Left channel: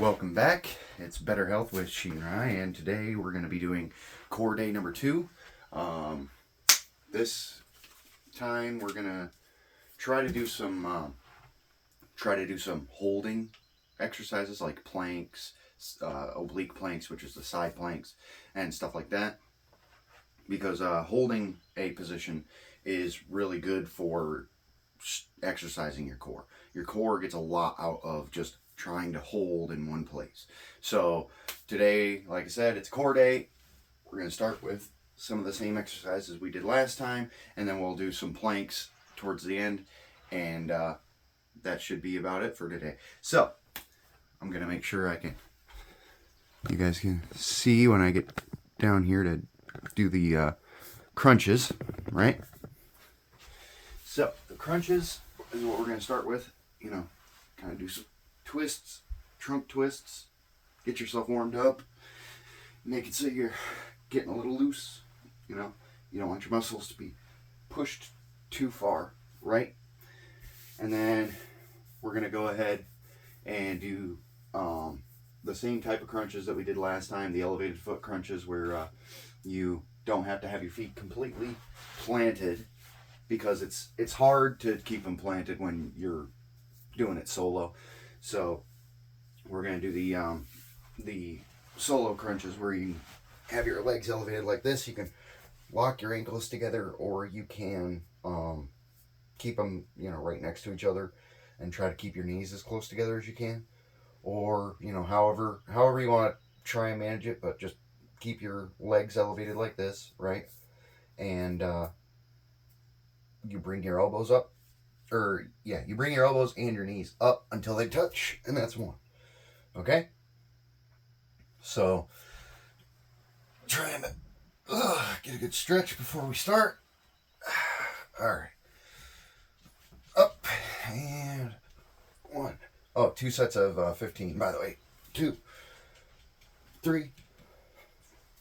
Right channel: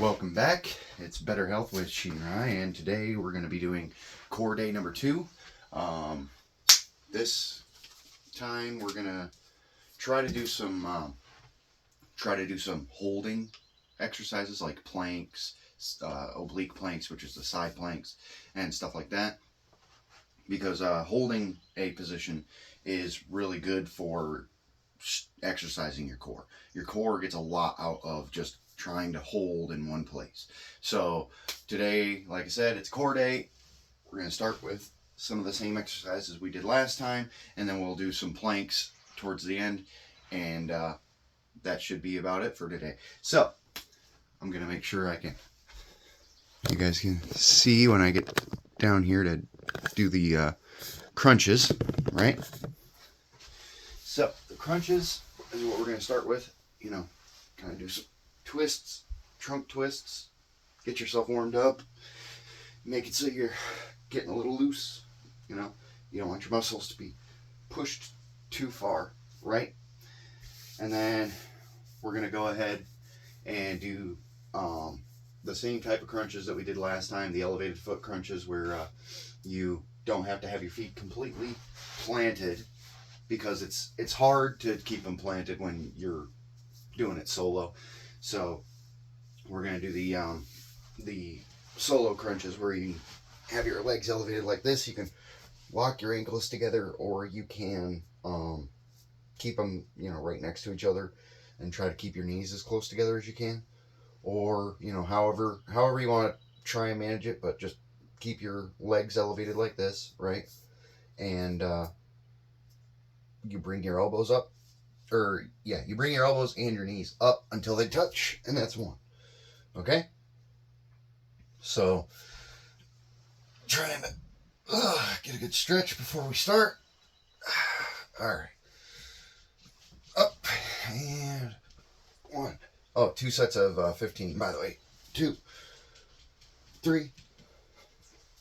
Welcome back. It's Better Health with Shinrai, and today we're going to be doing core day number 2. This time we're going to try to do some holding exercises like planks, oblique planks, which is the side planks, and stuff like that. Because holding a position is really good for exercising your core. Your core gets a lot out of just trying to hold in one place. So today, like I said, it's core day. We're going to start with some of the same exercises we did last time, and then we'll do some planks towards the end, and that should be about it for today. So I'm going to make sure you guys can see when I get down here to do the crunches, right? So the crunches is what we're going to start with. Kind of do some twists, trunk twists. Get yourself warmed up. Make it so you're getting a little loose. You don't want your muscles to be pushed too far, right? And then we're going to go ahead and do the same type of crunches that we did last time, the elevated foot crunches, where you don't have to have your feet completely planted, because it's hard to keep them planted when you're doing it solo. So we're going to do the solo crunches where you have your legs elevated like this. You can lock your ankles together, or you can keep them right next to each other and try to keep your knees as close together as you can, or however you want to try and manage it, but just keep your legs elevated like this, right? And you bring your elbows up, you bring your elbows and your knees up until they touch, and that's one. Okay? So try and get a good stretch before we start. All right. Up and 1. Oh, 2 sets of 15, by the way. 2, 3,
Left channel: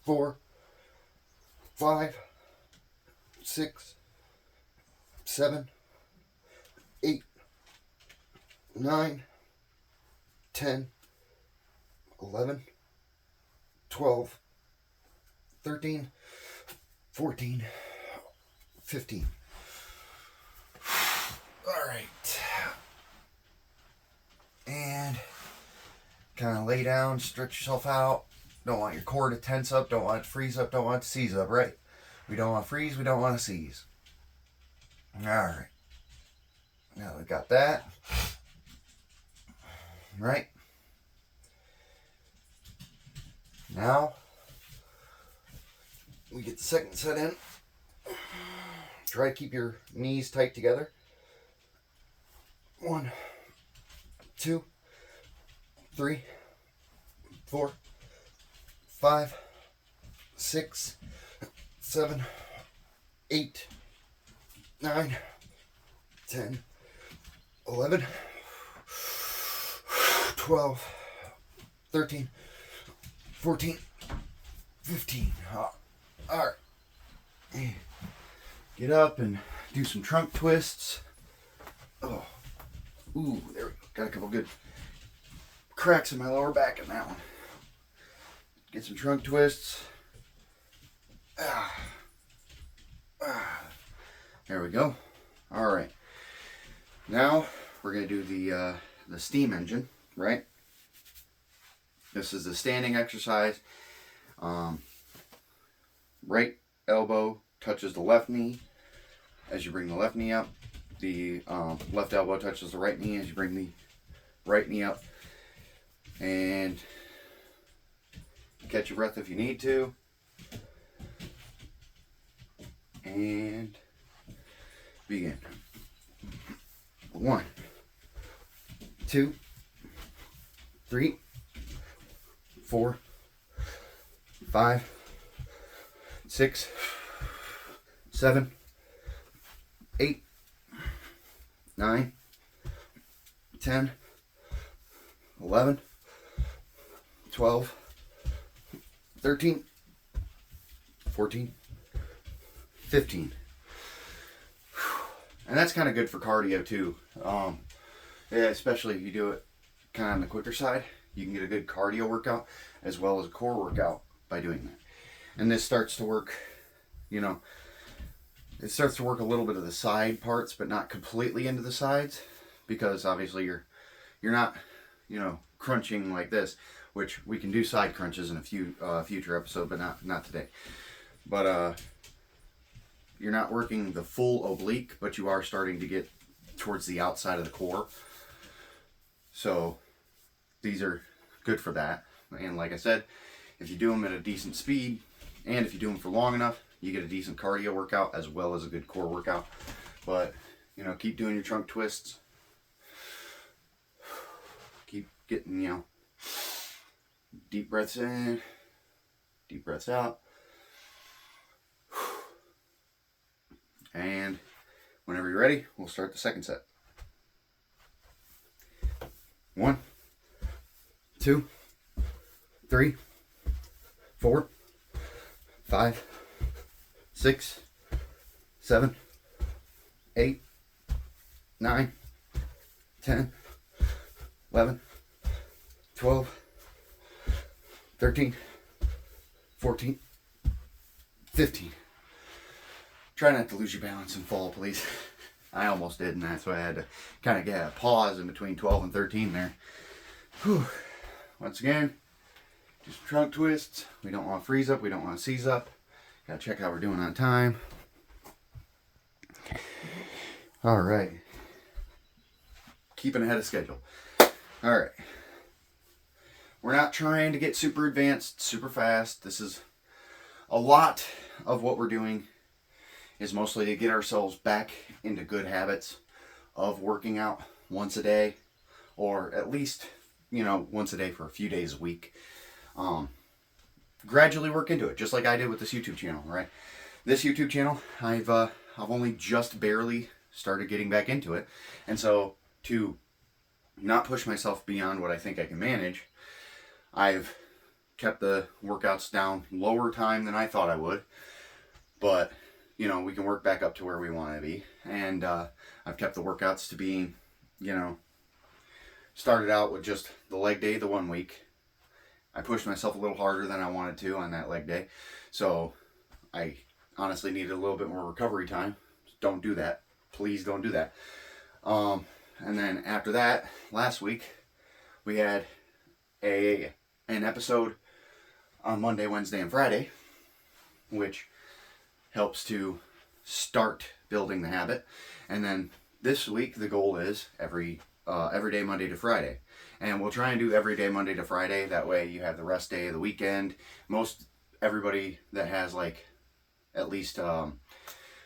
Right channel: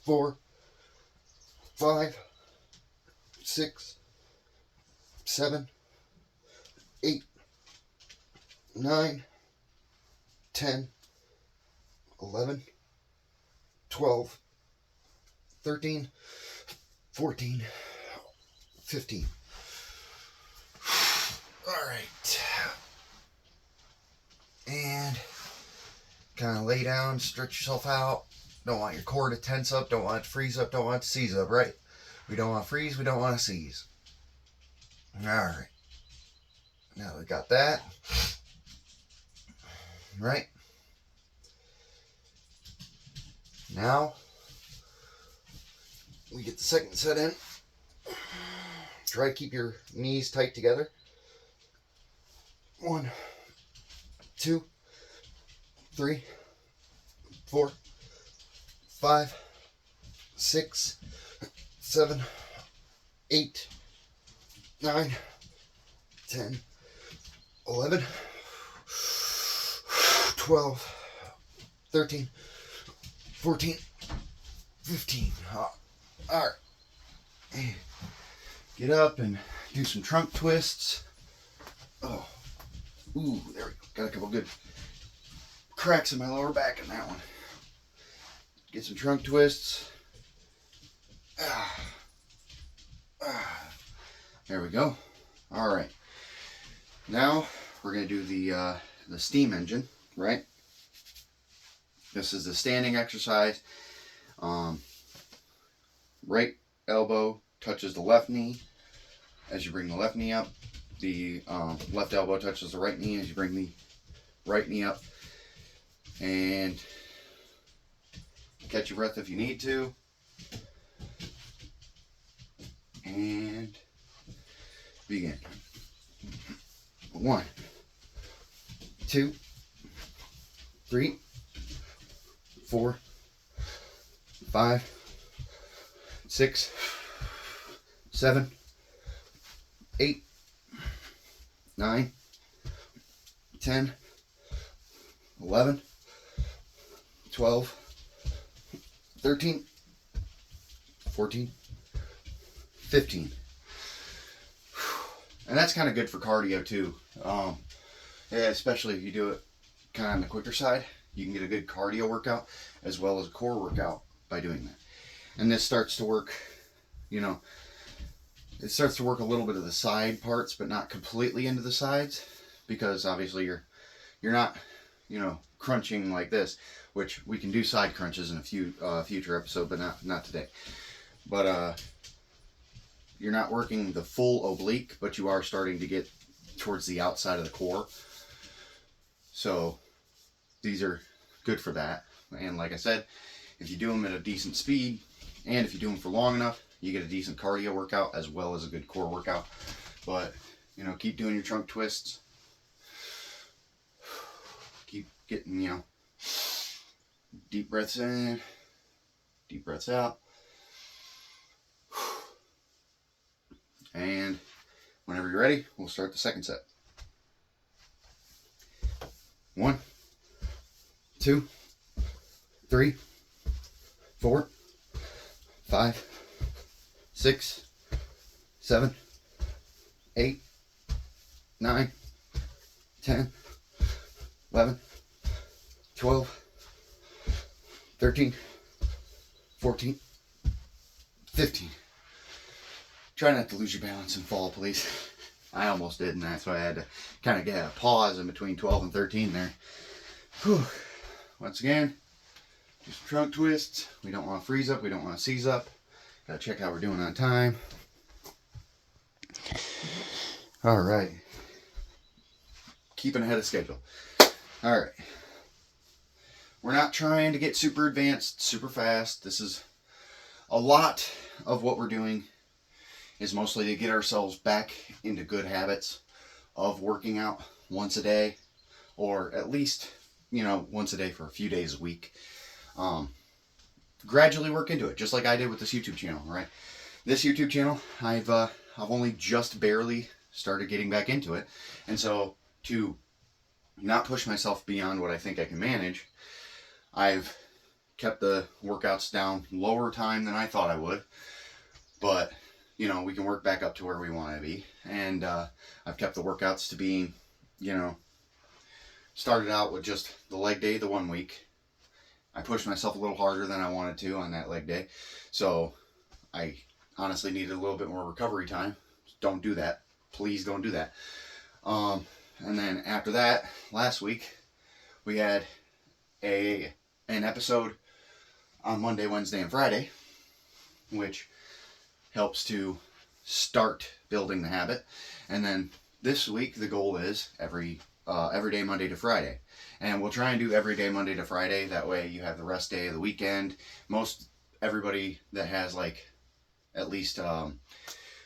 4, 5, 6, 7, 8, 9, 10, 11, 12, 13, 14, 15. All right. And kind of lay down, stretch yourself out. Don't want your core to tense up, don't want it to freeze up, don't want it to seize up, right? We don't want to freeze, we don't want to seize. All right. Now we got that. Right? Now we get the second set in. Try to keep your knees tight together. 1, 2, 3, 4, 5, 6, 7, 8, 9, 10, 11, 12, 13, 14, 15. All right. Get up and do some trunk twists. Oh, ooh, there we go. Got a couple good cracks in my lower back in that one. Get some trunk twists. There we go. All right. Now we're going to do the steam engine, right? This is the standing exercise. Right elbow touches the left knee as you bring the left knee up. The left elbow touches the right knee as you bring the right knee up. And catch your breath if you need to. And begin. 1, 2, 3, 4, 5, 6, 7, 8, 9, 10, 11, 12, 13, 14, 15. And that's kind of good for cardio too. Yeah, especially if you do it kind of on the quicker side. You can get a good cardio workout as well as a core workout by doing that. And this starts to work, you know, it starts to work a little bit of the side parts, but not completely into the sides, because obviously you're not, you know, crunching like this, which we can do side crunches in a future episode, but not today. But you're not working the full oblique, but you are starting to get towards the outside of the core. So these are good for that. And like I said, if you do them at a decent speed, and if you do them for long enough, you get a decent cardio workout as well as a good core workout. But, you know, keep doing your trunk twists. Keep getting, you know, deep breaths in, deep breaths out. And whenever you're ready, we'll start the second set. 1, 2, 3, 4, 5, 6, 7, 8, 9, 10, 11, 12, 13, 14, 15. Try not to lose your balance and fall, please. I almost did, and that's why I had to kind of get a pause in between 12 and 13 there. Whew. Once again, just trunk twists. We don't want to freeze up. We don't want to seize up. Got to check how we're doing on time. All right. Keeping ahead of schedule. All right. We're not trying to get super advanced, super fast. This is a lot of what we're doing is mostly to get ourselves back into good habits of working out once a day, or at least, you know, once a day for a few days a week. Gradually work into it, just like I did with this YouTube channel, right? This YouTube channel, I've only just barely started getting back into it. And so to not push myself beyond what I think I can manage, I've kept the workouts down lower time than I thought I would. But you know, we can work back up to where we want to be. And I've kept the workouts to being, you know, started out with just the leg day the 1 week. I pushed myself a little harder than I wanted to on that leg day. So I honestly needed a little bit more recovery time. Don't do that. Please don't do that. And then after that, last week, we had an episode on Monday, Wednesday, and Friday, which helps to start building the habit. And then this week, the goal is every day, Monday to Friday. And we'll try and do every day, Monday to Friday. That way you have the rest day of the weekend. Most everybody that has like, at least,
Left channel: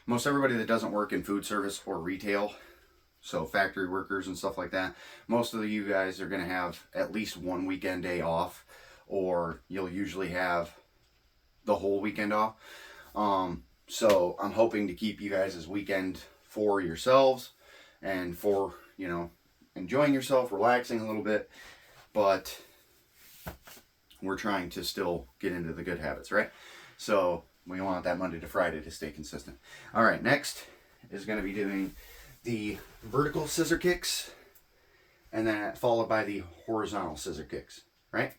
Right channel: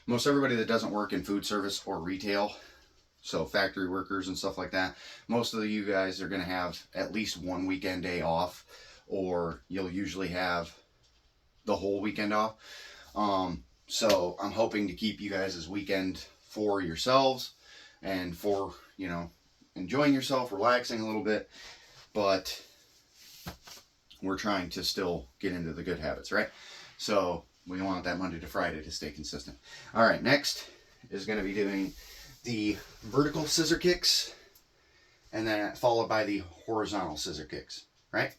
most everybody that doesn't work in food service or retail, so factory workers and stuff like that, most of you guys are going to have at least one weekend day off, or you'll usually have the whole weekend off. So I'm hoping to keep you guys as weekend for yourselves and for, you know, enjoying yourself, relaxing a little bit, but we're trying to still get into the good habits, right? So we want that Monday to Friday to stay consistent. All right, next is going to be doing the vertical scissor kicks, and then followed by the horizontal scissor kicks, right?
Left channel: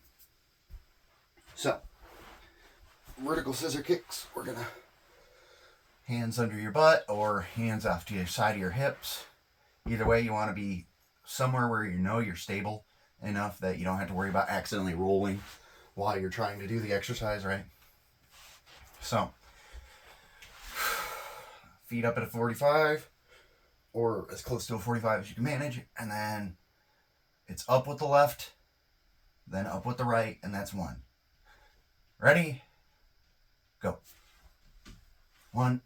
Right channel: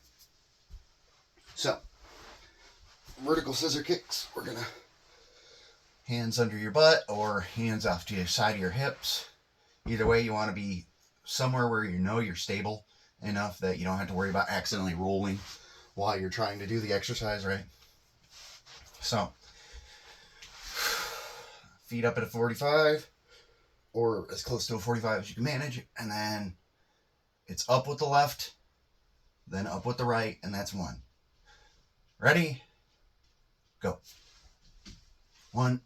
So vertical scissor kicks, we're going to hands under your butt or hands off to the side of your hips. Either way, you want to be somewhere where you know you're stable enough that you don't have to worry about accidentally rolling while you're trying to do the exercise, right? So, feet up at a 45, or as close to a 45 as you can manage, and then it's up with the left, then up with the right, and that's 1. Ready? Go. 1,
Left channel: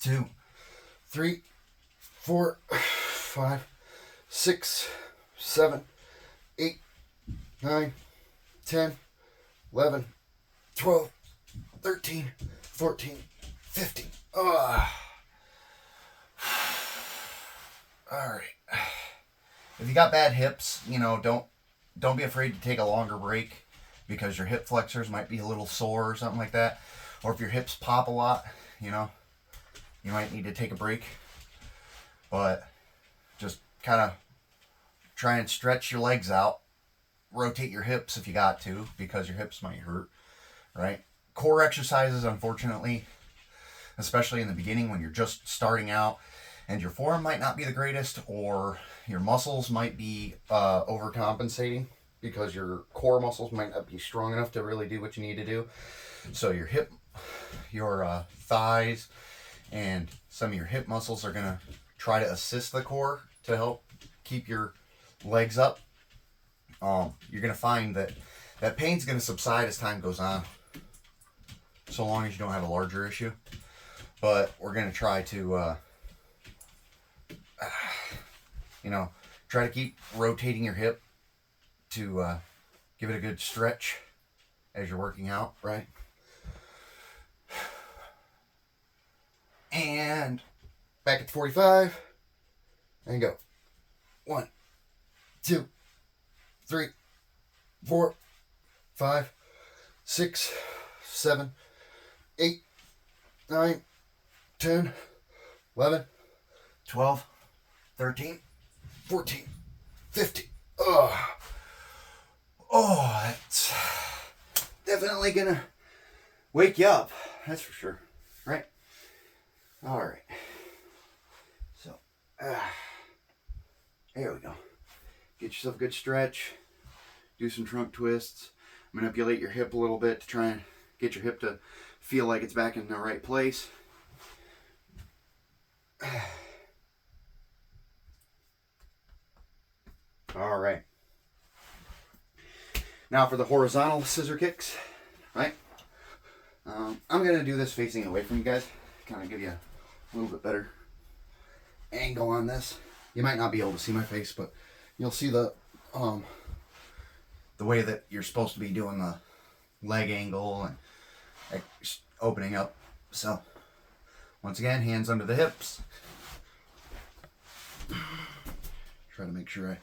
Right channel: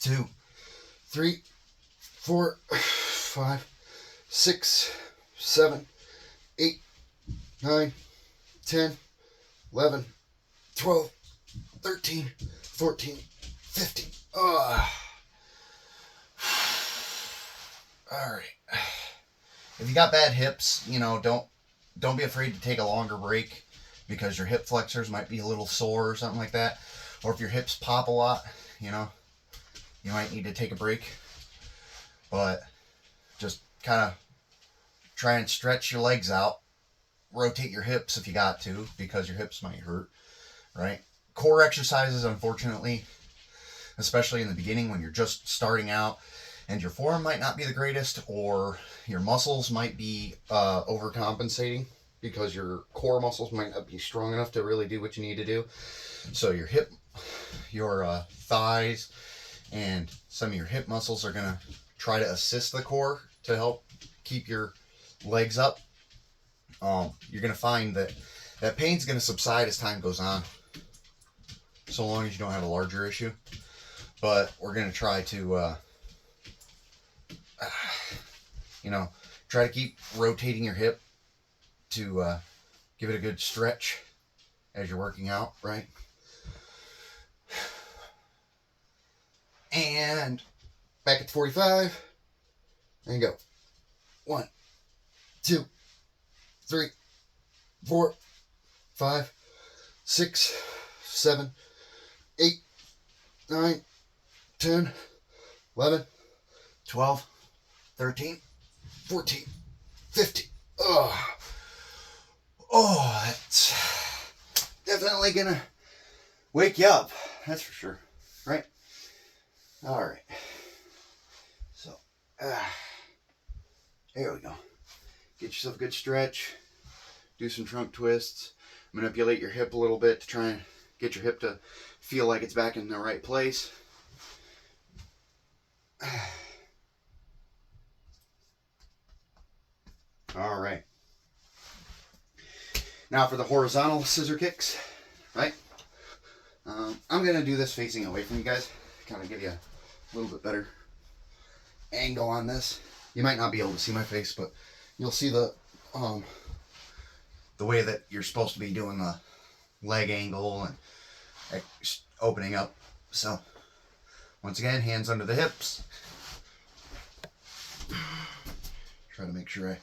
2, 3, 4, 5, 6, 7, 8, 9, 10, 11, 12, 13, 14, 15. All right. If you got bad hips, you know, don't be afraid to take a longer break, because your hip flexors might be a little sore or something like that. Or if your hips pop a lot, you know, you might need to take a break. But just kind of try and stretch your legs out rotate your hips if you got to, because your hips might hurt, right? Core exercises, unfortunately, especially in the beginning when you're just starting out and your form might not be the greatest, or your muscles might be overcompensating because your core muscles might not be strong enough to really do what you need to do. So your hip, your thighs, and some of your hip muscles are going to try to assist the core to help keep your legs up. You're going to find that that pain's going to subside as time goes on, so long as you don't have a larger issue. But we're going to try to try to keep rotating your hip to give it a good stretch as you're working out, right? And back at 45, and go. 1, 2, 3, 4, 5, 6, 7, 8, 9, 10, 11, 12, 13, 14, 15. Oh, that's definitely gonna wake you up. That's for sure, right? All right. So, there we go. Get yourself a good stretch. Do some trunk twists. Manipulate your hip a little bit to try and get your hip to feel like it's back in the right place. All right. Now for the horizontal scissor kicks, right? I'm going to do this facing away from you guys. Kind of give you a little bit better angle on this. You might not be able to see my face, but you'll see the way that you're supposed to be doing the leg angle and opening up. So, once again, hands under the hips. Try to make sure I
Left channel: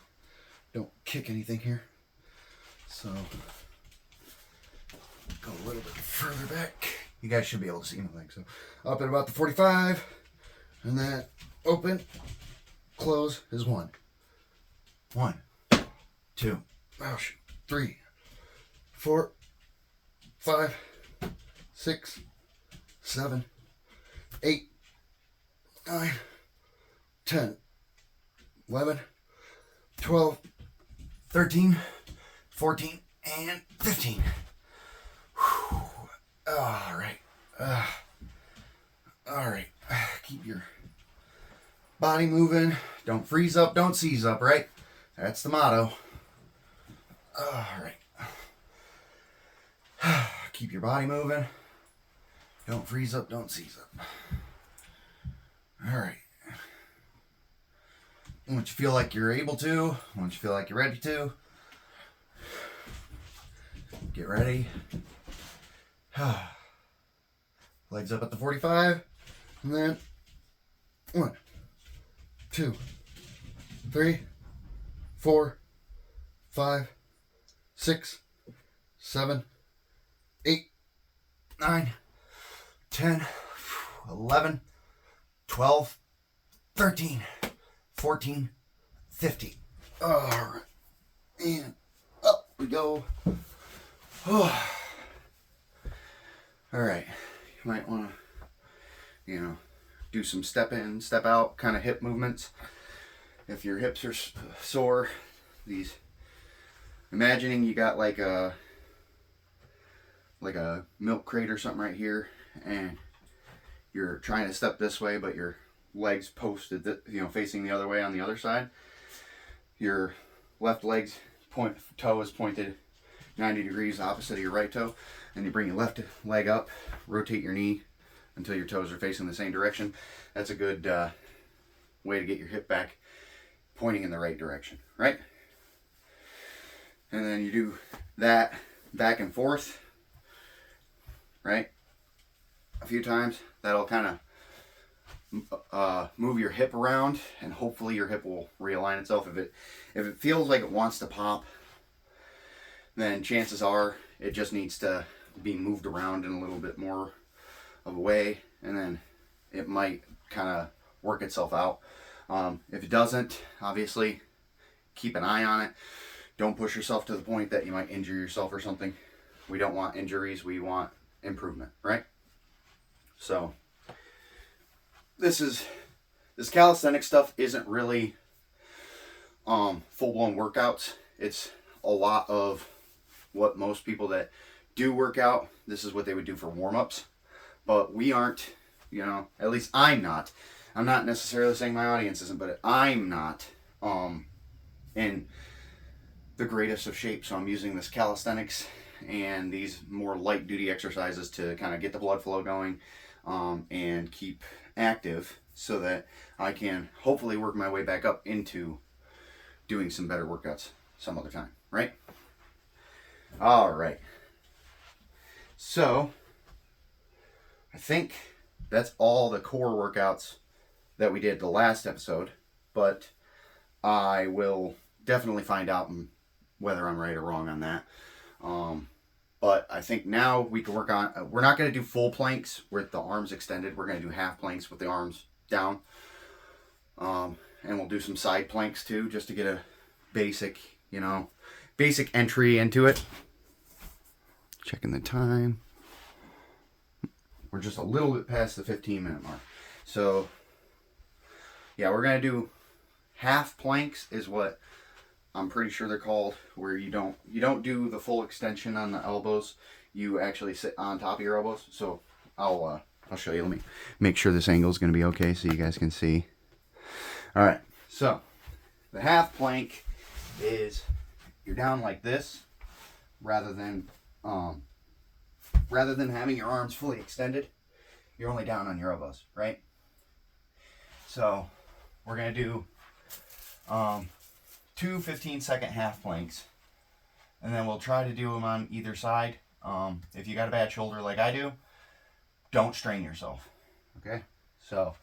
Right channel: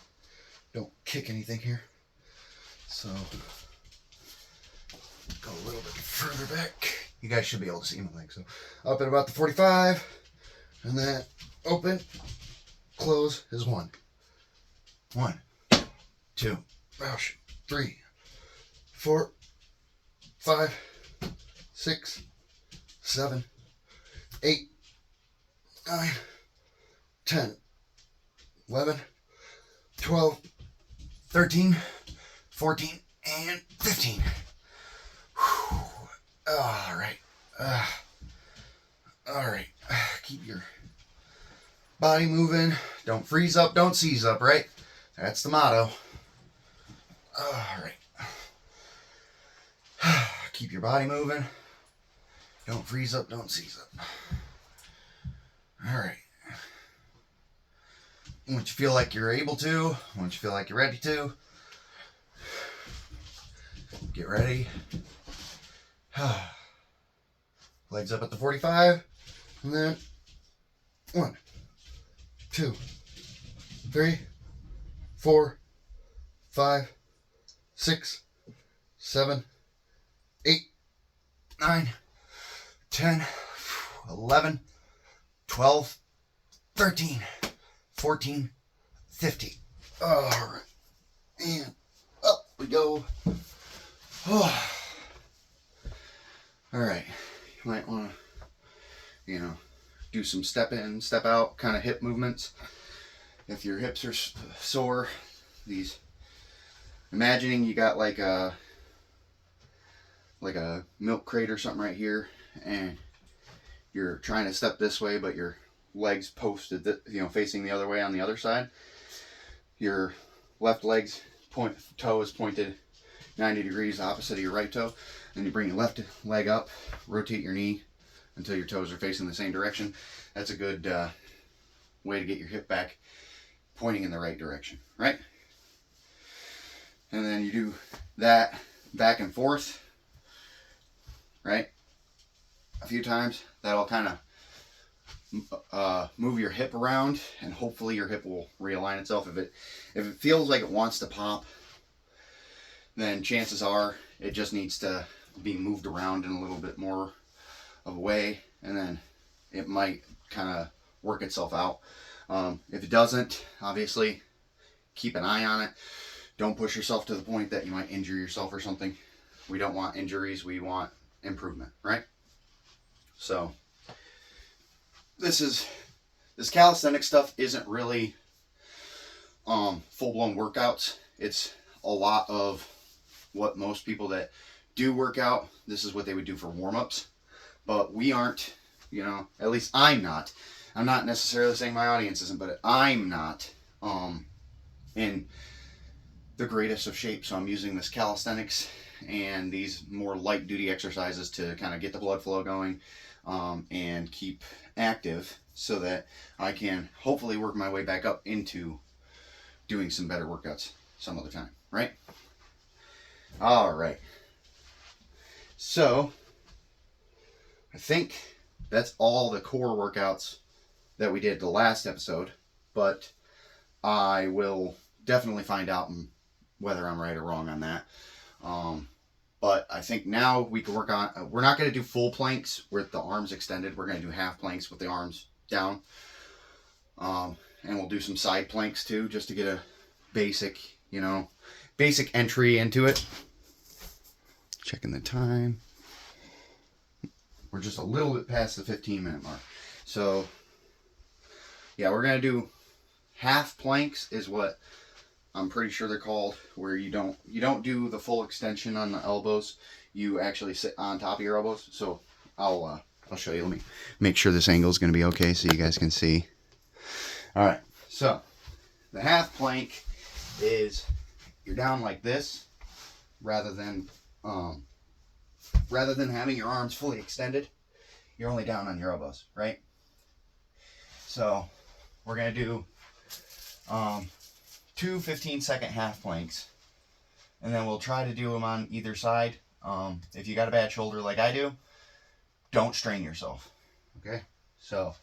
don't kick anything here. So, go a little bit further back. You guys should be able to see my leg. So, up at about the 45, and then open, close is 1. 1, 2, 3, 4, 5, 6, 7, 8, 9, 10, 11, 12, 13, 14, and 15. Whew. All right. All right. Keep your body moving. Don't freeze up. Don't seize up, right? That's the motto. All right. Keep your body moving. Don't freeze up. Don't seize up. All right. Once you feel like you're able to, once you feel like you're ready to, get ready. Legs up at the 45, and then 1, 2, 3, 4, 5, 6, 7, 8, 9, 10, 11, 12, 13, 14, 15. All right. And up we go. Oh. All right. You might want to, do some step in, step out kind of hip movements. If your hips are sore, imagining you got like a milk crate or something right here, and you're trying to step this way, but your legs posted, facing the other way on the other side. Your left toe is pointed 90 degrees opposite of your right toe, and you bring your left leg up, rotate your knee until your toes are facing the same direction. That's a good way to get your hip back pointing in the right direction, right? And then you do that back and forth, right? A few times. That'll kind of move your hip around, and hopefully your hip will realign itself. If it feels like it wants to pop, then chances are it just needs to be moved around in a little bit more of a way, and then it might kind of work itself out. If it doesn't, obviously keep an eye on it. Don't push yourself to the point that you might injure yourself or something. We don't want injuries. We want improvement, right? So this calisthenic stuff isn't really full-blown workouts. It's a lot of what most people that do work out, this is what they would do for warm-ups. But we aren't, you know, at least I'm not. I'm not necessarily saying my audience isn't, but I'm not in the greatest of shape. So I'm using this calisthenics and these more light duty exercises to kind of get the blood flow going and keep active so that I can hopefully work my way back up into doing some better workouts some other time, right? All right. So I think that's all the core workouts that we did the last episode, but I will definitely find out whether I'm right or wrong on that. But I think now we can work on, we're not going to do full planks with the arms extended. We're going to do half planks with the arms down. And we'll do some side planks too, just to get a basic, you know, basic entry into it. Checking the time. We're just a little bit past the 15-minute mark. So, yeah, we're going to do half planks is what I'm pretty sure they're called, where you don't do the full extension on the elbows. You actually sit on top of your elbows. So I'll show you. Let me make sure this angle is going to be okay so you guys can see. All right. So the half plank is you're down like this rather than having your arms fully extended. You're only down on your elbows, right? So we're going to do 2 15-second half planks, and then we'll try to do them on either side. If you got a bad shoulder like I do, don't strain yourself. Okay, so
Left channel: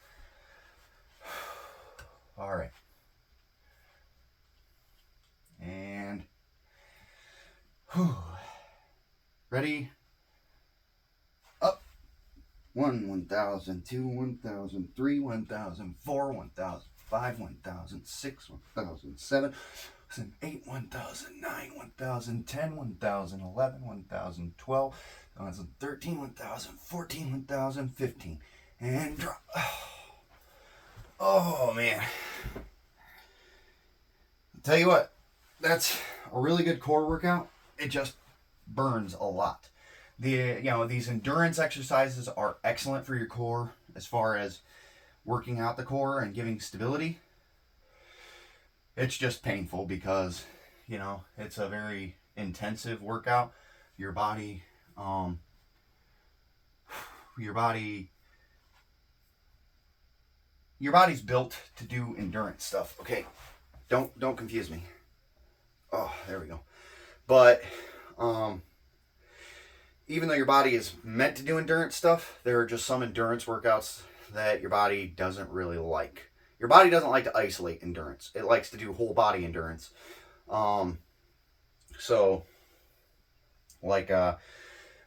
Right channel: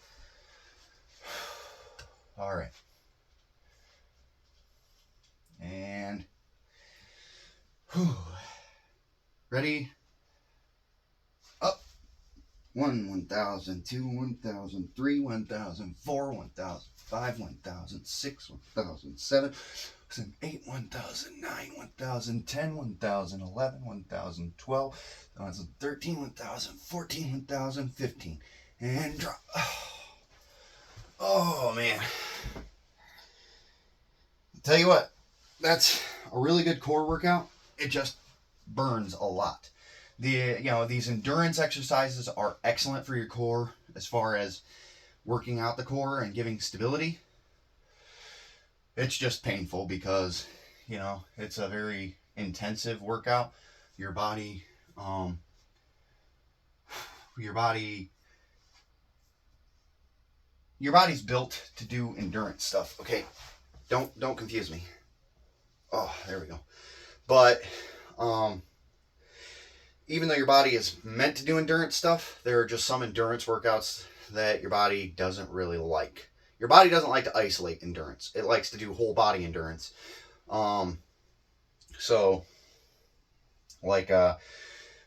all right, and ready, up. 1,000, 2, 1,000, 3, 1,000, 4, 1,000, 5, 1,000, 6, 1,000, 7, 8, 1,000, 9, 1,000, 10, 1,000, 11, 1,000, 12, 1,000, 13, 1,000, 14, 1,000, 15, and drop. Oh man! I'll tell you what, that's a really good core workout. It just burns a lot. These endurance exercises are excellent for your core as far as working out the core and giving stability. It's just painful because, you know, it's a very intensive workout. Your body's built to do endurance stuff. Okay, don't confuse me. Oh, there we go. But even though your body is meant to do endurance stuff, there are just some endurance workouts that your body doesn't really like. Your body doesn't like to isolate endurance. It likes to do whole body endurance. So, like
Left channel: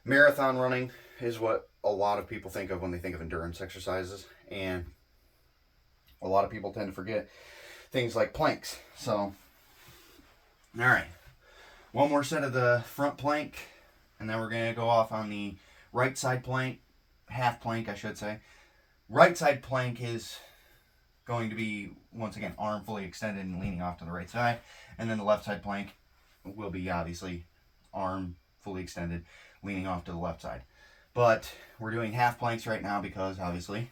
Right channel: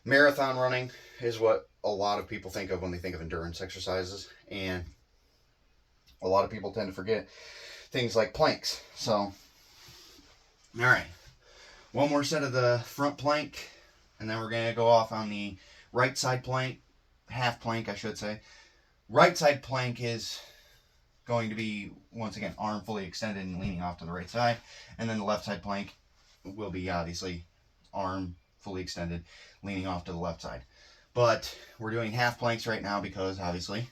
marathon running is what a lot of people think of when they think of endurance exercises. And a lot of people tend to forget things like planks. So, all right. One more set of the front plank. And then we're going to go off on the right side plank, half plank, I should say. Right side plank is going to be, once again, arm fully extended and leaning off to the right side. And then the left side plank will be, obviously, arm fully extended, leaning off to the left side. But we're doing half planks right now because, obviously,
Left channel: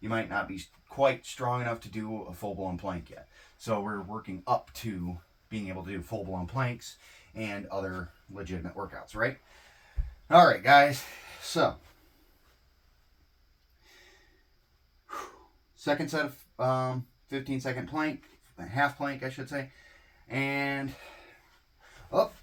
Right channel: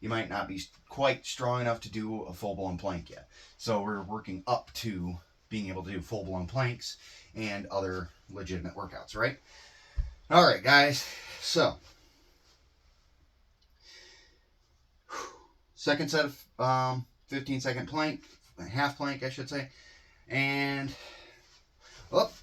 you might not be quite strong enough to do a full-blown plank yet. So we're working up to being able to do full-blown planks and other legitimate workouts, right? All right, guys. So, second set of 15-second plank, half plank, I should say, and up.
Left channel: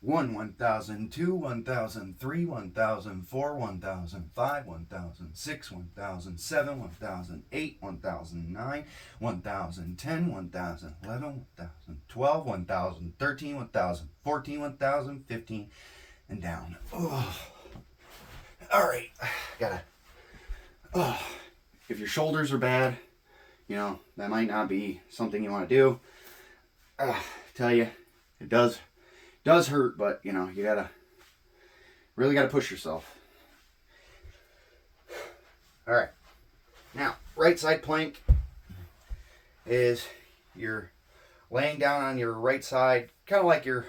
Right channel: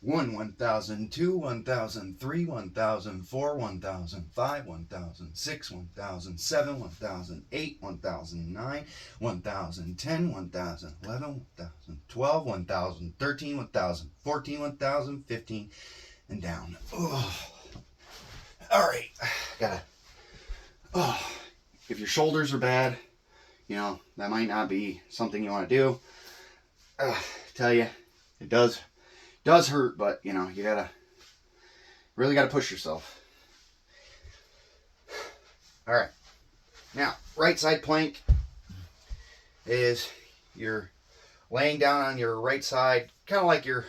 1, 1,000, 2, 1,000, 3, 1,000, 4, 1,000, 5, 1,000, 6, 1,000, 7, 1,000, 8, 1,000, 9, 1,000, 10, 1,000, 11, 1,000, 12, 1,000, 13, 1,000, 14, 1,000, 15, and down. Ugh. All right, if your shoulders are bad, you know, that might not be something you want to do. Tell you, It does hurt, but you know, you really gotta push yourself. All right, now right side plank is you're laying down on your right side, kind of like you're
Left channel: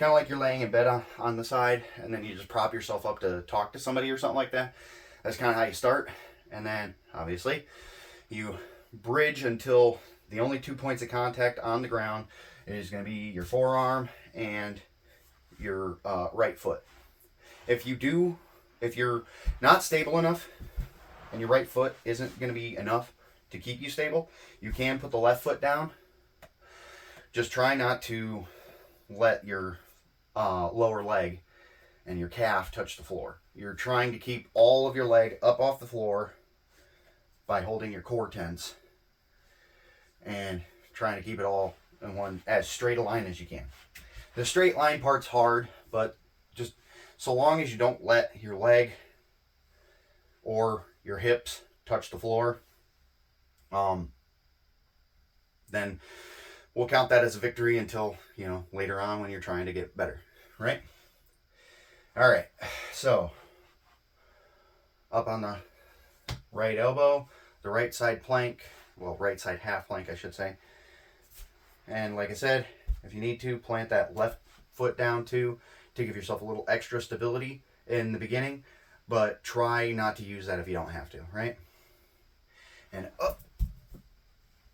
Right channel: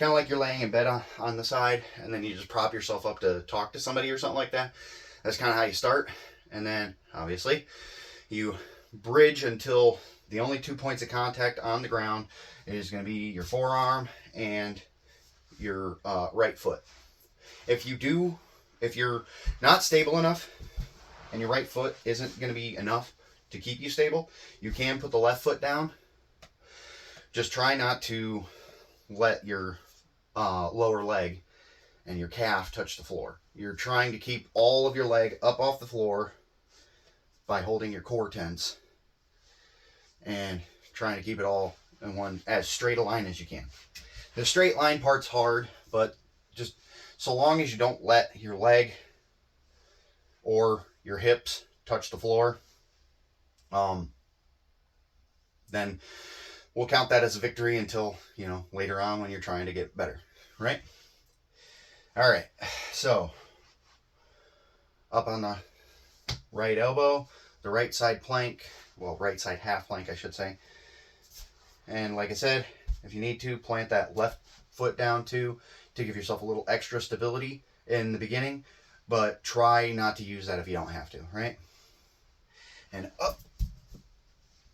laying in bed on the side, and then you just prop yourself up to talk to somebody or something like that. That's kind of how you start, and then obviously you bridge until the only 2 points of contact on the ground is going to be your forearm and your right foot. If you're not stable enough and your right foot isn't going to be enough to keep you stable, you can put the left foot down. Just try not to let your lower leg and your calf touch the floor. You're trying to keep all of your leg up off the floor by holding your core tense and trying to keep it all in one as straight a line as you can. The straight line part's hard, but just so long as you don't let your leg or your hips touch the floor, then we'll count that as a victory until, you know, later on when you're trying to get better, right? All right, so up on the right elbow, the right side plank, well, right side half plank, I should say. And like I said, if you need to, plant that left foot down too to give yourself a little extra stability in the beginning, but try not to use that if you don't have to, right? And up.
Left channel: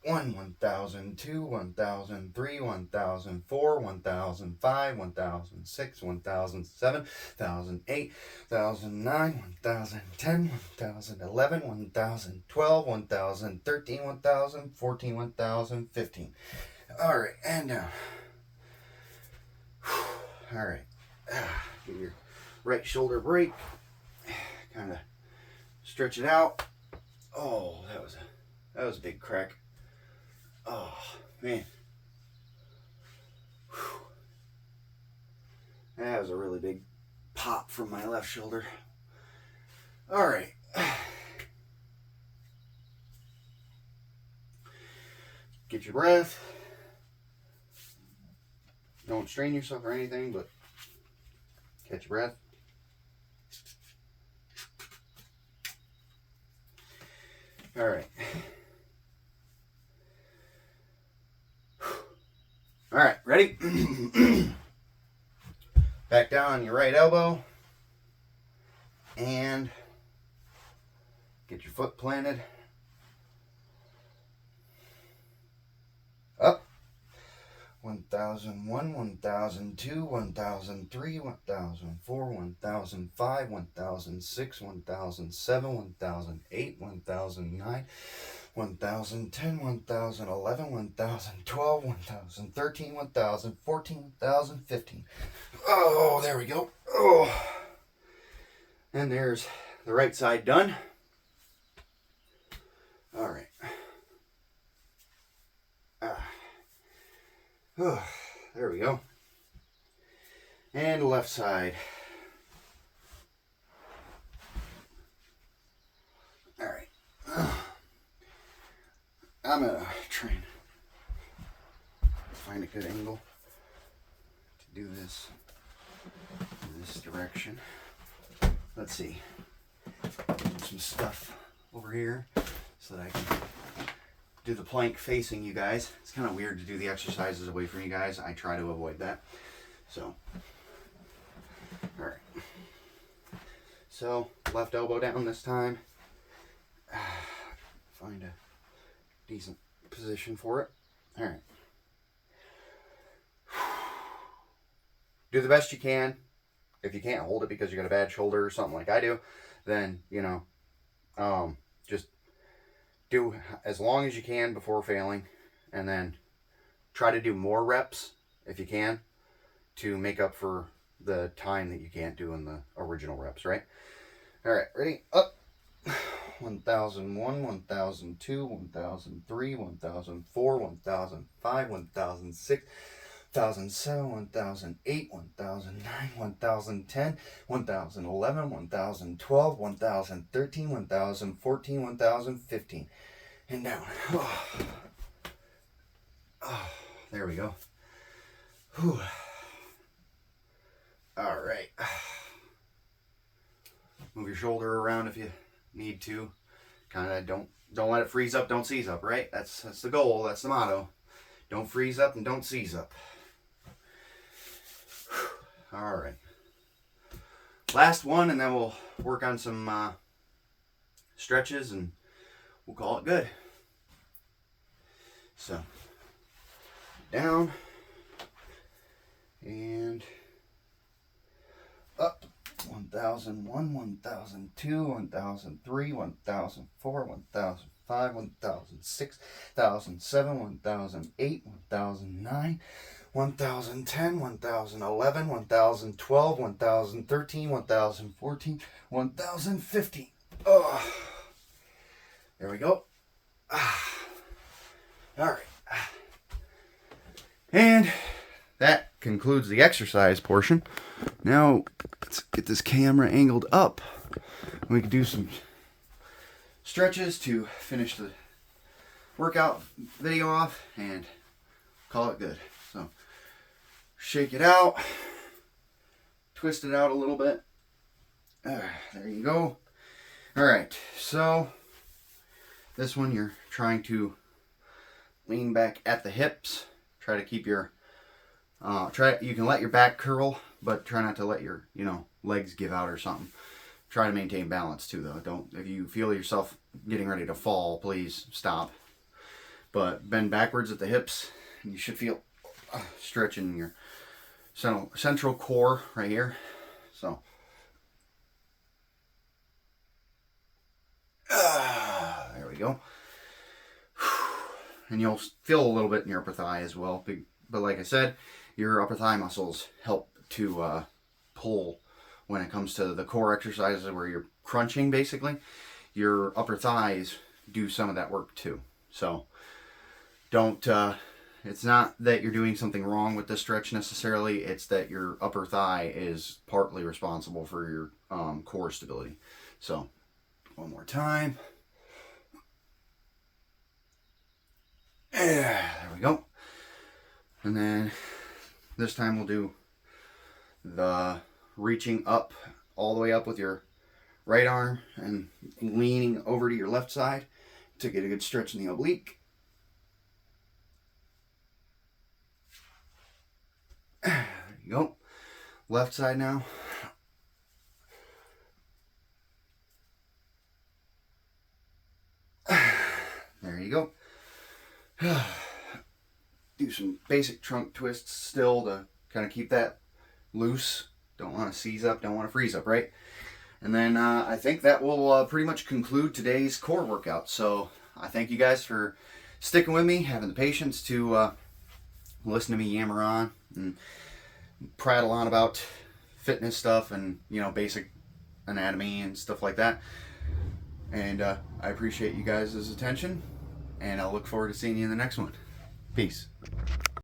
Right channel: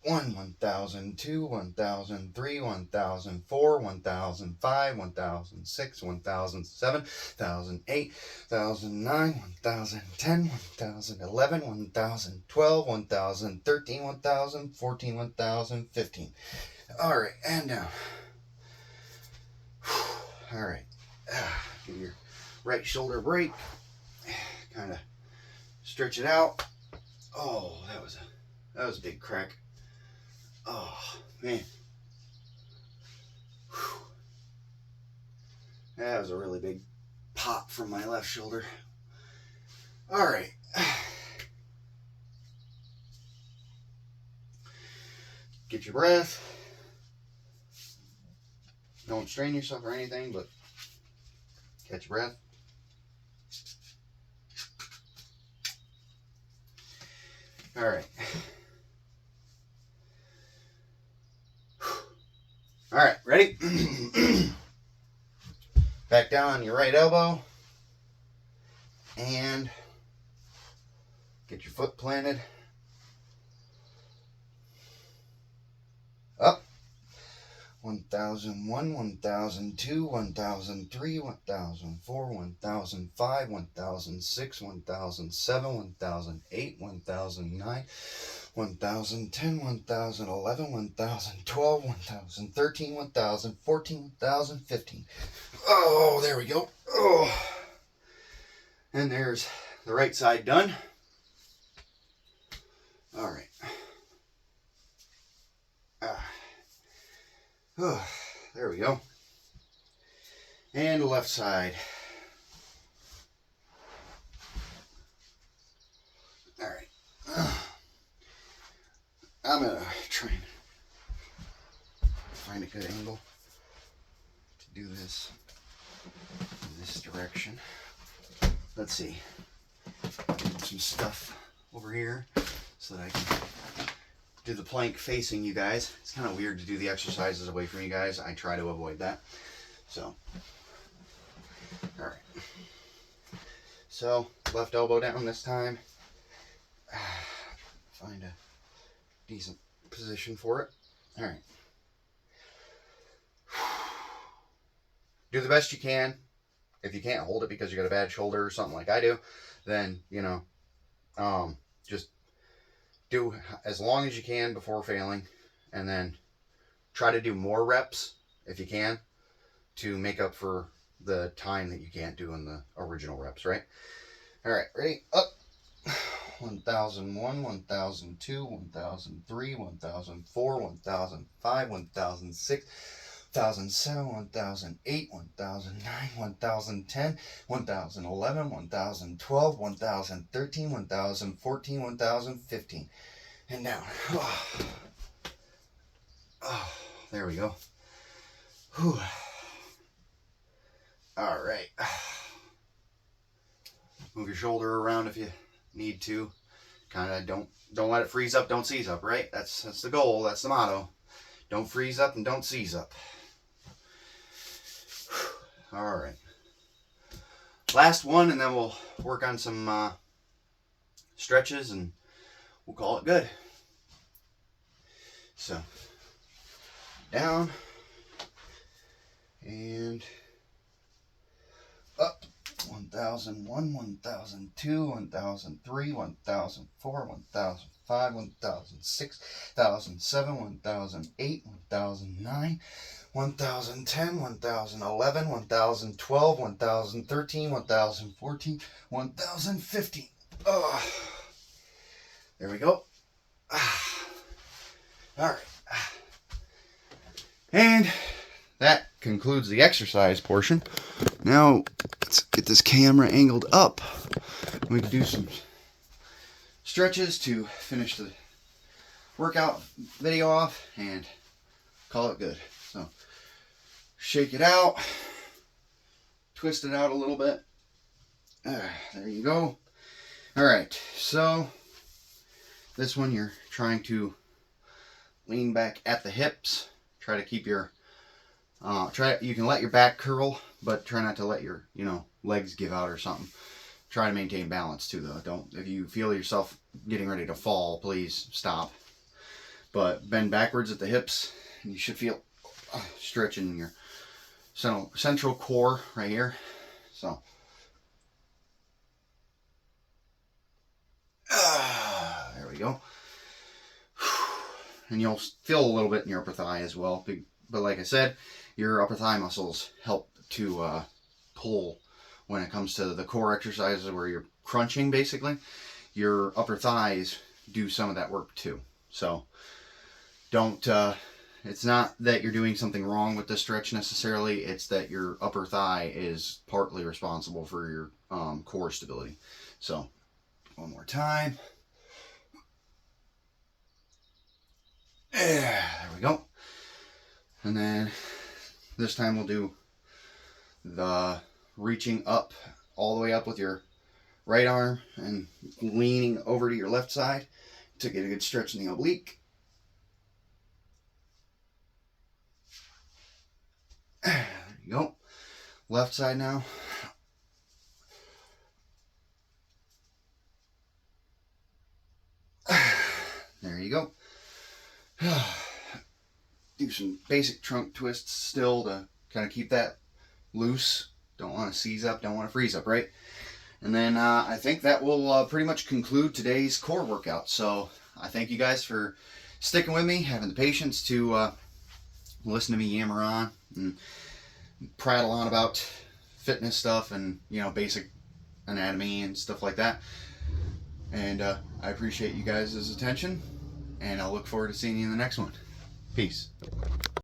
1,000, 2, 1,000, 3, 1,000, 4, 1,005, 1,006, 1,007, 1,008, 1,009, 1,010, 1,011, 1,012, 1,013, 1,014, 1,015. All right, and down. All right, give your right shoulder break. Kind of stretch it out. Oh, that was a big crack. Oh, man. Whew. That was a really big pop from my left shoulder. All right. Get your breath. Don't strain yourself or anything, but catch your breath. All right. All right, ready? Back down on your right elbow and get your foot planted. Up. 1,001, 1,002, 1,003, 1,004, 1,005, 1,006, 1,007, 1,008, 1,009, 1,010, 1,011, 1,012, 1,013, 1,014, 1,015. Oh, there we go. Oh. And there's the right side done. All right. Oh, there we go. And the left side. All right. I'm going to try and find a good angle to do this in this direction. Let's see. Get some stuff over here so that I can do the plank facing you guys. It's kind of weird to do the exercises away from you guys. I try to avoid that. So, all right. So, left elbow down this time. Find a decent position for it. All right. Do the best you can. If you can't hold it because you got a bad shoulder or something like I do, then, you know, just do as long as you can before failing, and then try to do more reps if you can to make up for the time that you can't do in the original reps, right? All right, ready? Up. 1,001, 1,002, 1,003, 1,004, 1,005, 1,006, 1,007, 1,008, 1,009, 1,010, 1,011, 1,012, 1,013, 1,014, 1,015. And down. Oh, there we go. Whew. All right. Move your shoulder around if you need to. Kind of don't let it freeze up, don't seize up, right? That's the goal, that's the motto. Don't freeze up and don't seize up. All right. Last one, and then we'll work on some stretches and we'll call it good. So, down and up. 1001, 1002, 1003, 1004, 1005, 1006, 1007, 1008, 1009, 1010, 1011, 1012, 1013, 1014, 1015. Oh, there we go. All right. And that concludes the exercise portion. Now, let's get this camera angled up. We can do some stretches to finish the workout video off and call it good. So, shake it out, twist it out a little bit. There you go. All right, so this one you're trying to lean back at the hips. Try to keep your you can let your back curl, but try not to let your legs give out or something. Try to maintain balance too, though. If you feel yourself getting ready to fall, please stop. But bend backwards at the hips, and you should feel stretching your central core right here. So there we go. And you'll feel a little bit in your upper thigh as well. But like I said, your upper thigh muscles help to pull when it comes to the core exercises where you're crunching, basically. Your upper thighs do some of that work too. So don't, it's not that you're doing something wrong with this stretch necessarily. It's that your upper thigh is partly responsible for your core stability. So one more time. There we go. And then this time we'll do the reaching up all the way up with your right arm and leaning over to your left side to get a good stretch in the oblique. There you go. Left side now. There you go. Do some basic trunk twists still to kind of keep that loose. Don't want to seize up, don't want to freeze up, right? And then I think that will pretty much conclude today's core workout. So I thank you guys for sticking with me, having the patience to listen to me yammer on and prattle on about fitness stuff and basic anatomy and stuff like that. And I appreciate you guys' attention, and I'll look forward to seeing you in the next one. Peace.